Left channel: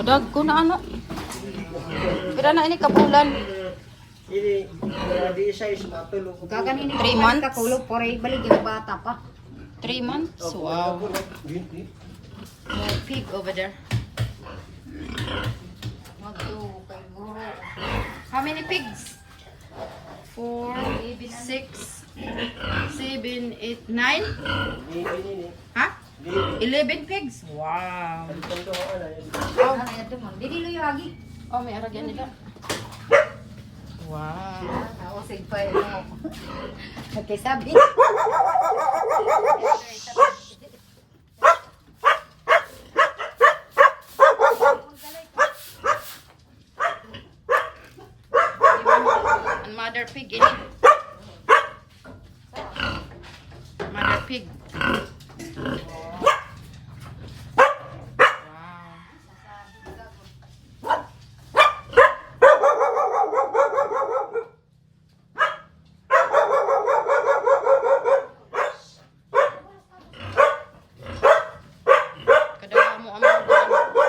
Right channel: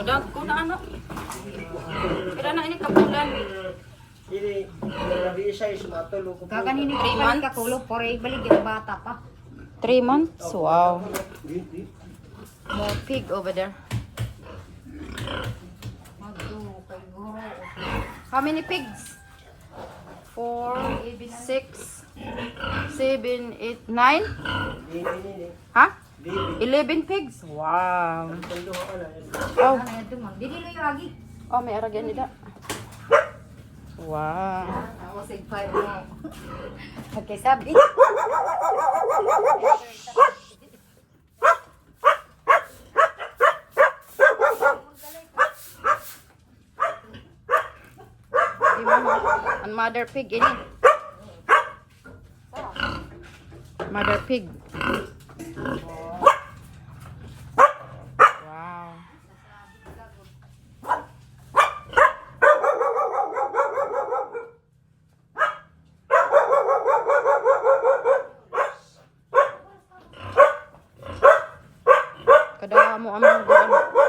Kadag ko na ano. Pira na ini kabulan. Ini di size matulog ko. Gaganin ni 3 months? Kakulog por balik yung bata pa. 3 months? Wow. Gini. Pig over there. Magdo kay guro. How many pigs? 4, 6, 7, 8, 9? Ini. Ha? Di. 11 pigs? Wow. Tendo ako na. Oh, Ano yan man? Dili lo yung agi. oh may aragyan nila. Wow. Ako sig pa mo. Okay, sabi. Ang mother pig ini. Mother pig. Wow. Kada mo ang mga